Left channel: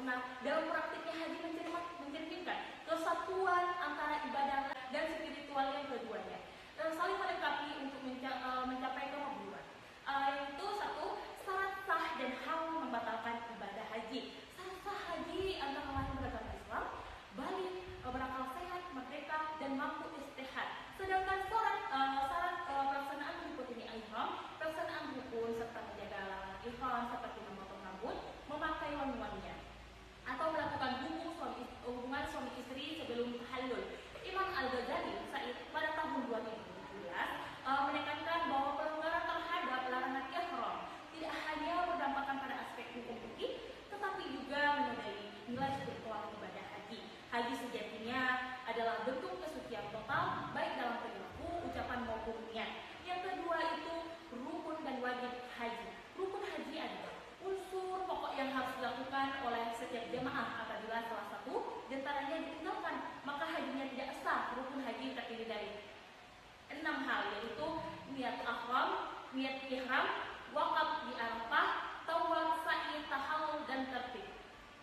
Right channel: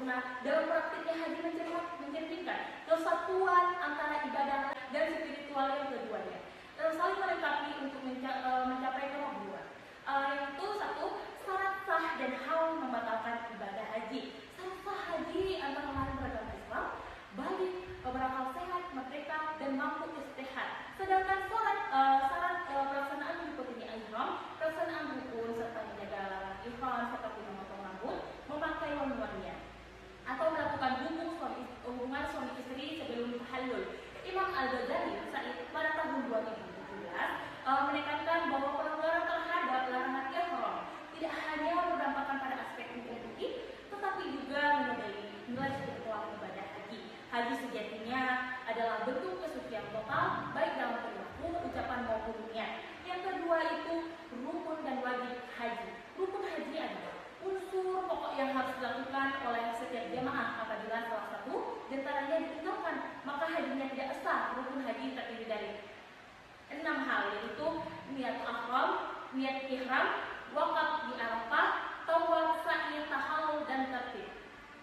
sempurna dalam praktiknya haji mencerminkan kesatuan antara ibadah dan spiritual yang keduanya, saling melengkapi untuk mencapai kemakburan. Yaitu satu, syarat sah dan hal membatalkan ibadah haji. Syarat sah haji antara lain beragama Islam, balik, berakal sehat, merdeka, dan mampu istihad. Sedangkan syarat pelaksanaan meliputi ihram, pelaksanaan rukun serta menjaga larangan ihram seperti memotong rambut, memakai wangi-wangian, atau melakukan hubungan suami istri sebelum tahallul. Imam Al-Ghazali Said pada tahun 2017 menekankan bahwa pelanggaran terhadap larangan ihram tidak hanya berdampak pada aspek hukum fikih, tetapi juga menodai nilai spiritual ibadah haji. Haji sejatinya adalah bentuk kesucian total, baik dalam perilaku, ucapan maupun niat. Yang kedua itu rukun dan wajib haji. Rukun haji adalah unsur pokok yang harus dilakukan oleh setiap jamaah. Apabila salah satu diantaranya ditinggalkan, maka hajinya tidak sah. Rukun haji terdiri dari 6 hal, yaitu niat ihram, wakaf di Arafah, tawaf, sa'i, tahallul, dan tertib.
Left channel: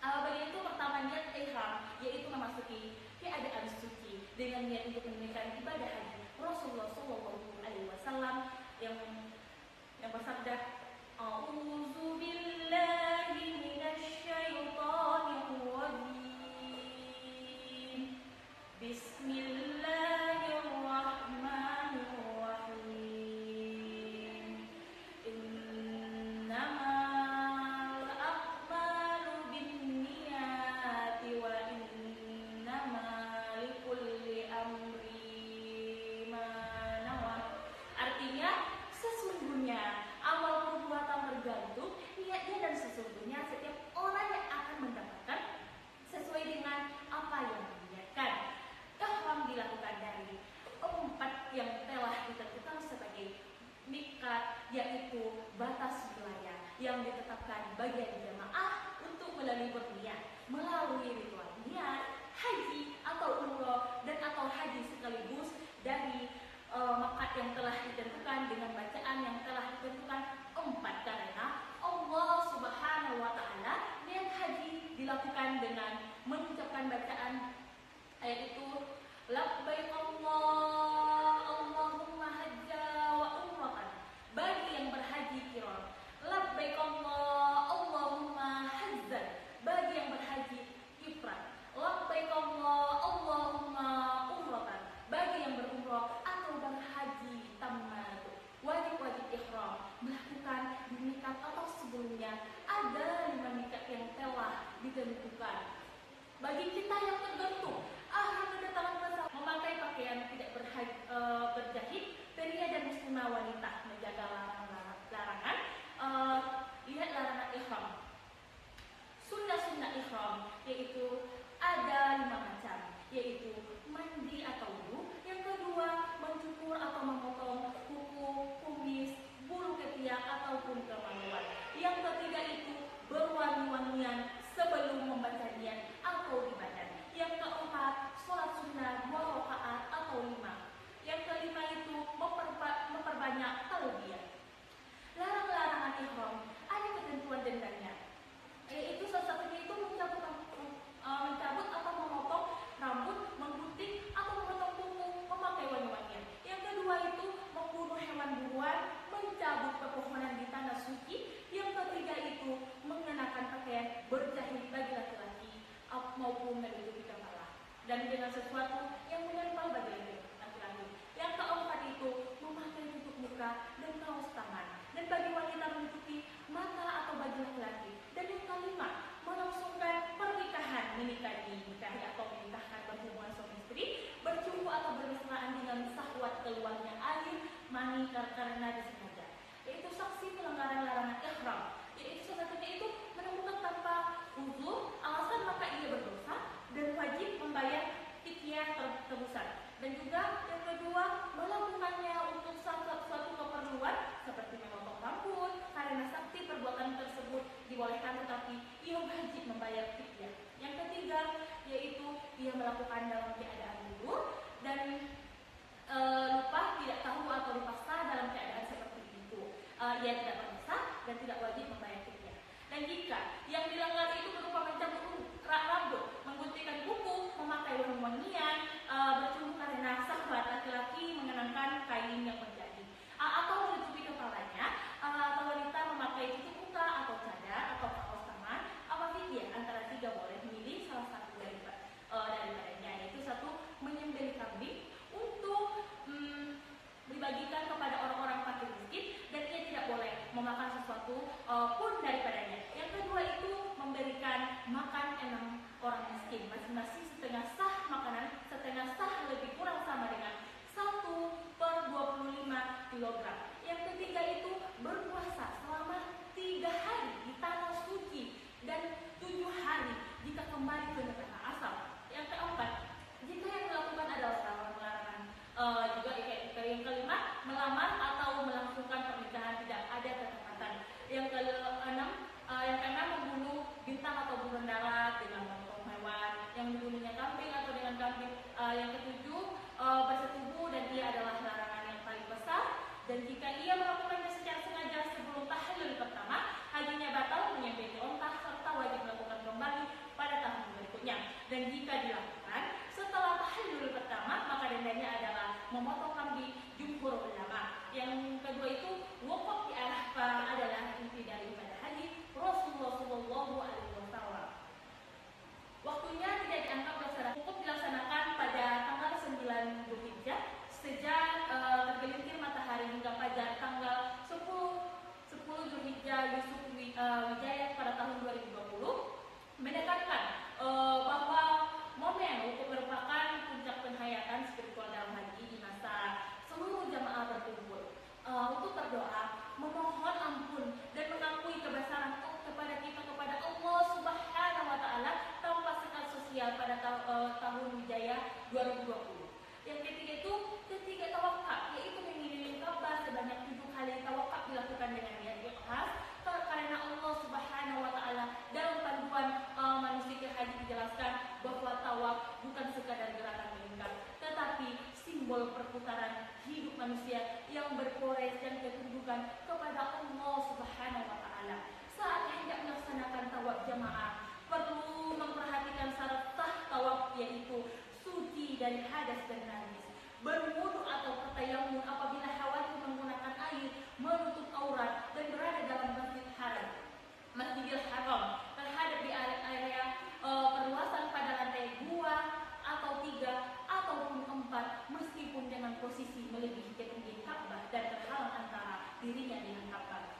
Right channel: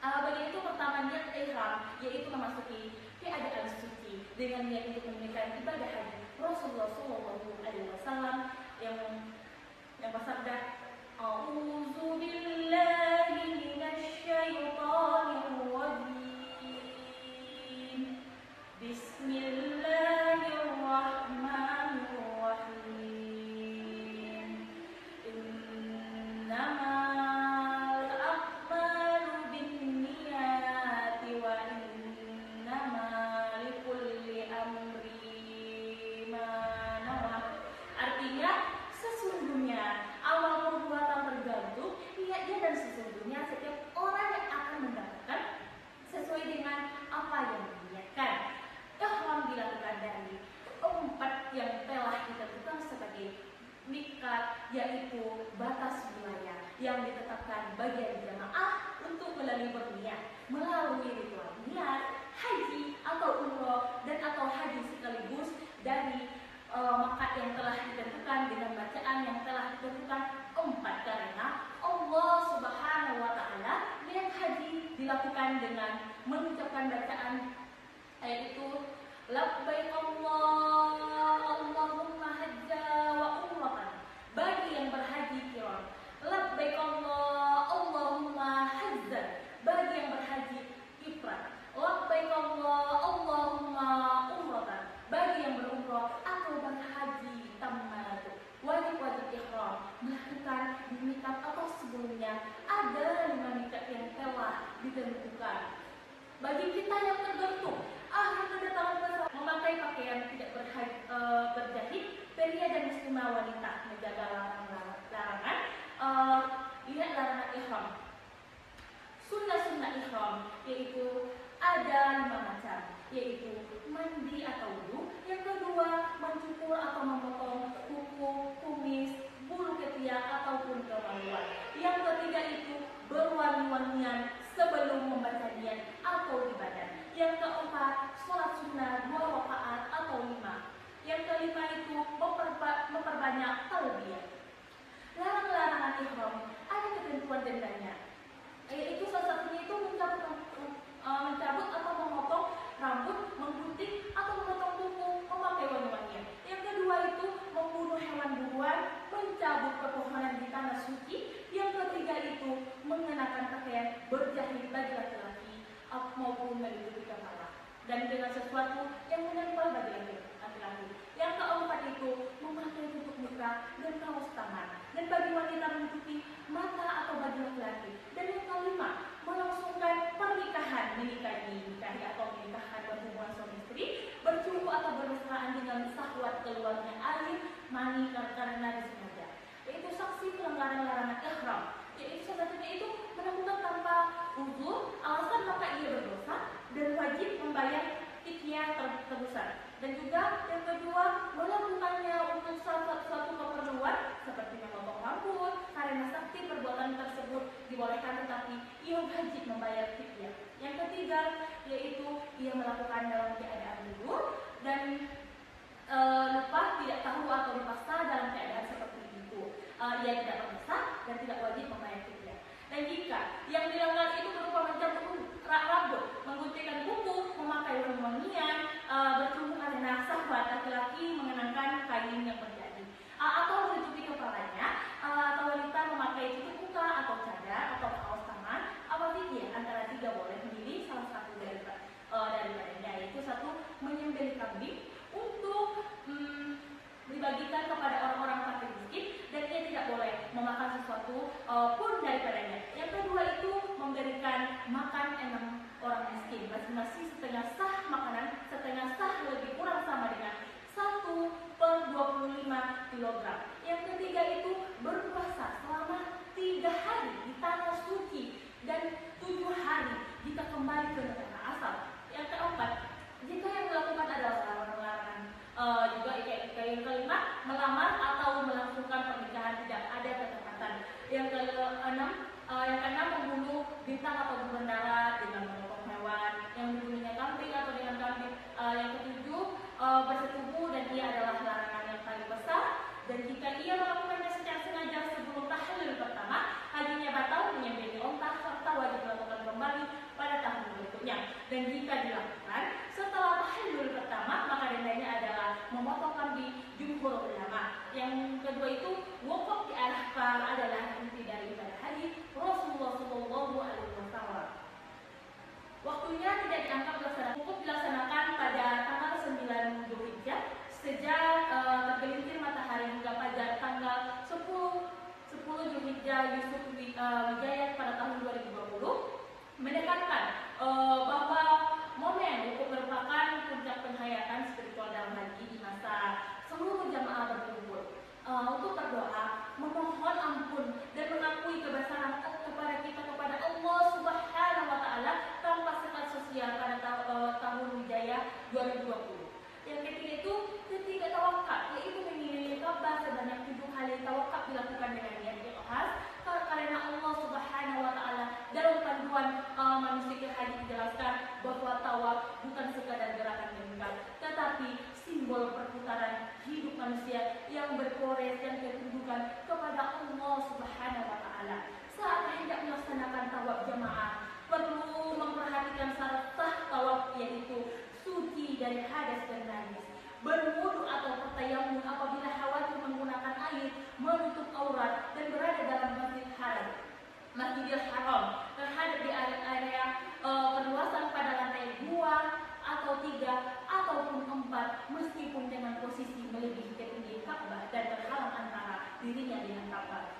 Begitu pertama niat ihram, yaitu memasuki keadaan suci dengan niat untuk menunaikan ibadah haji. Rasulullah SAW yang bersabda, "A'udzu billahi minasyaitonir rajim. Bismillahirrahmanirrahim. Innamal a'malu binniyati wa innamal likulli amrin ma nawa." Artinya, sesungguhnya amal perbuatan tergantung niatnya, dan sesungguhnya setiap orang yang akan mendapatkan sesuai dengan apa yang diniatkan. Ihram dilakukan dari 4 yang telah ditentukan sebagai miqat, yaitu batas wilayah yang ditetapkan bagi jamaah untuk berniat melalui ritual niat, haji atau umroh dan atau haji sekaligus dari miqat yang telah ditentukan dengan bacaan yang telah ditentukan 4, karena Allah Subhanahu wa Ta'ala niat haji dilakukan dengan mengucapkan bacaan yaitu labbaik Allahumma hajja wa umratan bagi yang berhaji qiran, labbaik Allahumma hajja bagi yang berhaji ifrad, labbaik Allahumma umratan bagi yang berumrah atau berhaji tamat. Wajib-wajib ihram melakukan di miqat atau sebelumnya ada 5 miqat yang telah ditentukan. Bagi kita yang tergantung yang kedatangan masa memakai pakaian tidak berjahit, pria dan muslimah wanita menjaga larangan larangan ihram. Sunnah-sunnah ihram yaitu ada 5 macam, yaitu mandi atau wudu. Yang kedua, mencukur atau memotong kuku, kumis, bulu ketiak ataupun kemaluan. Yang ketiga itu berwangi-wangian sebelum membaca niat atau di badan. Yang keempat, sholat sunnah 2 rakaat atau 5. Yang kelima itu memperbanyak talbiyah. Larangan ihram ada ketentuan dendanya, yaitu salah satunya itu mencabut atau memotong rambut, menggunting atau memotong kuku, memakai wangi-wangian. Yang kedua itu membunuh hewan buruan, mencabut pepohonan di tanah suci. Yang ketiga itu mengenakan pakaian berjahit bagi laki-laki maupun menutupi kepala dan dengan sesuatu yang menempel bagi laki-laki. Yang keempat itu memakai tutup muka dan kaos tangan, dan bagi wanita menutupi mata atau bagi laki-laki. Dan yang kelima, melangsungkan pernikahan, menikahi atau menikahkan berhubungan suami istri, bercumbu atau bermesraan dengan syahwat keluarnya air mani karena disengaja, yaitu saksi pelanggaran larangan ihram, yaitu satunya itu melakukan tanpa uzur, alasan maka ia berdosa dan wajib membayar fidyah tebusan. Dan juga yang kedua, melakukannya untuk suatu keperluan seperti memotong rambut, karena sakti perbuatan tersebut dibolehkan tetapi ia wajib membayar fidyah. Yang ketiga yaitu ia melakukan dalam keadaan gugur dan lupa, tidak tahu atau dipaksa dalam keadaan seperti itu. Ia tidak berdosa dan tidak wajib membayar fidyah. Dan jika yang dilanggar itu berupa mencabut membeli kambing untuk dibagikan kepada orang-orang fakir miskin, dan ia tidak boleh memakan sesuatu pun daripadanya. Yang kedua itu memberikan makan 6 orang miskin, masing-masing setengah sah makanan, setengah sah lebih kurang sama dengan 1/25 kilogram. Yang ketiga itu berpuasa selama 3 hari di tanah suci dan 7 hari jika kembali ke negara asal. Yang keempat, jika yang dilakukan adalah larangan, juga yang kelima, melamar atau melangsungkan pernikahan tidak ada ketepatan. Yang keenam, membunuh bintang atau burung darat dengan memotong hewan, yang dibunuhnya kambing atau dengan kambing. Yang ketujuh, bersetubuh, dan ia adalah larangan yang paling besar. Dan jika ia melakukannya secara sengaja sebelum tahlil pertama, hajinya batal, menyembelih onta, serta wajib melakukan kembali pada tahun berikutnya. Dan jika dilakukan setelah tahlil pertama, maka dendanya adalah memotong kambing jumhur ulama. Yang kedua itu, wukuf di Arafah adalah inti dari ibadah haji Rasulullah SAW. Waktunya tidak dianggap laksana. Wukuf dilaksanakan pada tanggal 9 Zulhijjah sejak tergelincir matahari hingga fajar tanggal 10 Zulhijjah. Yusuf Wijaya pada tahun 2020 menekankan bahwa momen wukuf merupakan puncak penghayatan spiritual dalam haji di masa seluruh jamaah berkumpul untuk berdoa, memohon ampun dan mengakui kebesaran kepada kita kepada Allah Subhanahu wa taala tanpa sekat sosial pada tahun Hijriah 2020. Yang ketiga itu ketiga tawakal, yaitu mengelilingi Ka'bah sebanyak 7 kali. Tawakal dilakukan dengan niat ikhlas karena Allah Subhanahu wa taala dalam panduan manusia haji dijelaskan bahwa tawaf bukan sekadar gerakan lingkar, tetapi simbol perputaran hidup manusia yang berproses dan ketundukan kepada Allah Subhanahu wa taala. Saat hendak melaksanakan tawaf jamaah, perlu memperhatikan syarat sah tawaf, yaitu suci dari hadas dan najis, berwudu atau bertayamum apabila khawatir menggunakan air menutup aurat, dan berada dalam Masjidil Haram terhadap di area perluasan pada lantai 2 atau 3 ataupun 4, meskipun dengan posisi melebihi ketinggian Ka'bah dan terhalang antara dirinya dengan Ka'bah.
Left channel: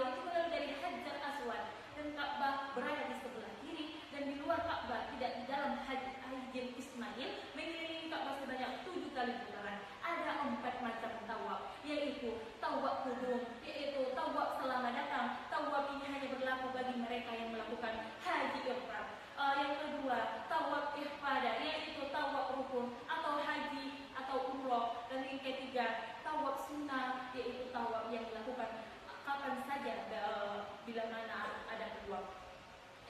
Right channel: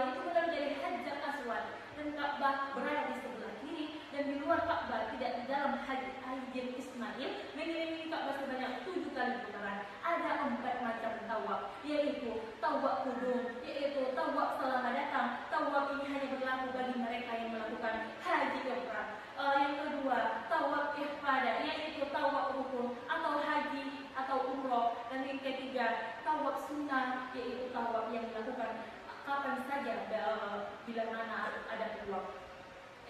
Itu mulai dari Hajar Aswad, dan Ka'bah berada di sebelah kiri, dan di luar Ka'bah tidak di dalam Hajar Ismail, mengelilingi Ka'bah sebanyak 7 kali putaran. Ada 4 macam tawaf, yaitu tawaf kudum, yaitu tawaf selama datang. Tawaf ini hanya berlaku bagi mereka yang melakukan haji ifrad. Yang kedua, tawaf ifadah, yaitu tawaf rukun atau haji atau umroh. Dan yang ketiga, tawaf sunnah, yaitu tawaf yang dilakukan kapan saja bila mana ada peluang.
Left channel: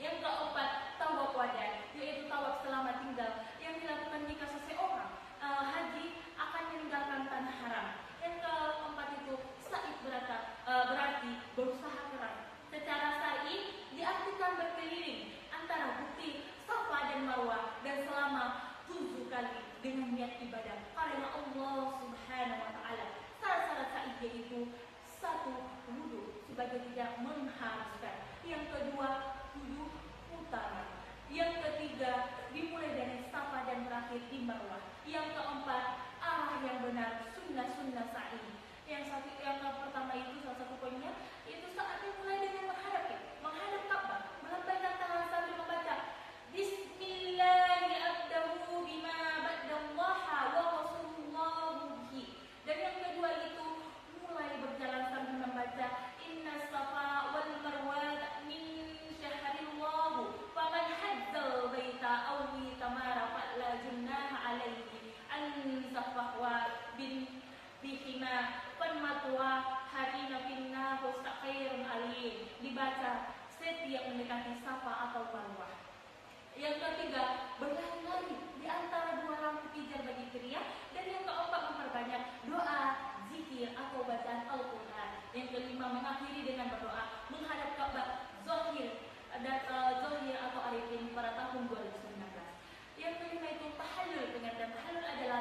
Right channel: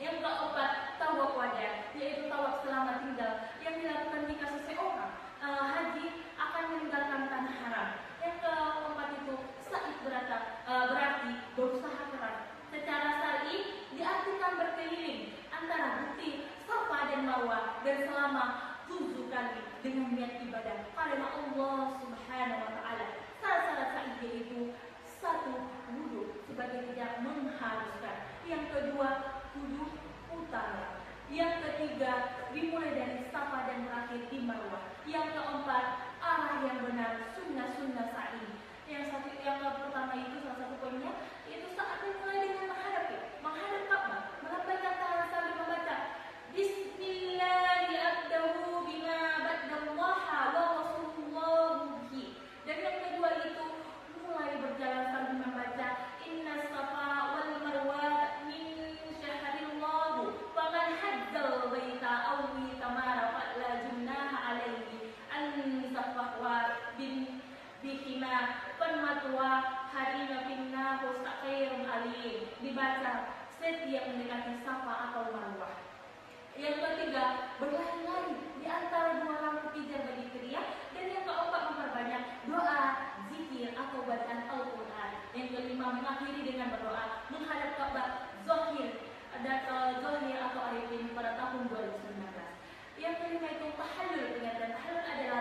Yang keempat, tawaf wadah, yaitu tawaf selama tinggal yang dilakukan jika seseorang haji akan meninggalkan tanah haram. Yang keempat itu sa'i berarti berusaha keras. Secara syar'i diartikan berkeliling antara bukti Safa dan Marwah dan selama 7 kali dengan niat ibadah karena Allah Subhanahu wa taala. Syarat-syarat sa'i yaitu 1. Wudu sebagai tidak mengharuskan. Yang kedua, 7 putaran. Yang ketiga, dimulai dari Safa dan berakhir di Marwah. Yang keempat, arah yang benar, sunnah sa'i. Yang pertama itu salah satu poinnya, yaitu saat memulai dengan menghadap Ka'bah, melambaikan tangan sambil membaca Bismillahi abdahu bima ba'dallaha wa rasulullahu bihi. Dan yang kedua itu mulai berjalan sambil membaca Inna Safa wal Marwa min syahrillahu faman hajjal baita aw tamara fala junaha alaihi an safahwa bihima penmatwa harina finna husaqirun alim. Dibaca setiap mendekati Safa atau Marwah. Yang ketiga, berlari-lari di antara 2 lampu pijar bagi pria. Dan yang keempat, memperbanyak doa, zikir atau bacaan Al-Quran. Yang kelima, mengakhiri dengan berdoa menghadap Ka'bah Zohir atau Arifin pada tahun 2019. Yang kelima itu tahallul, dan tahallul adalah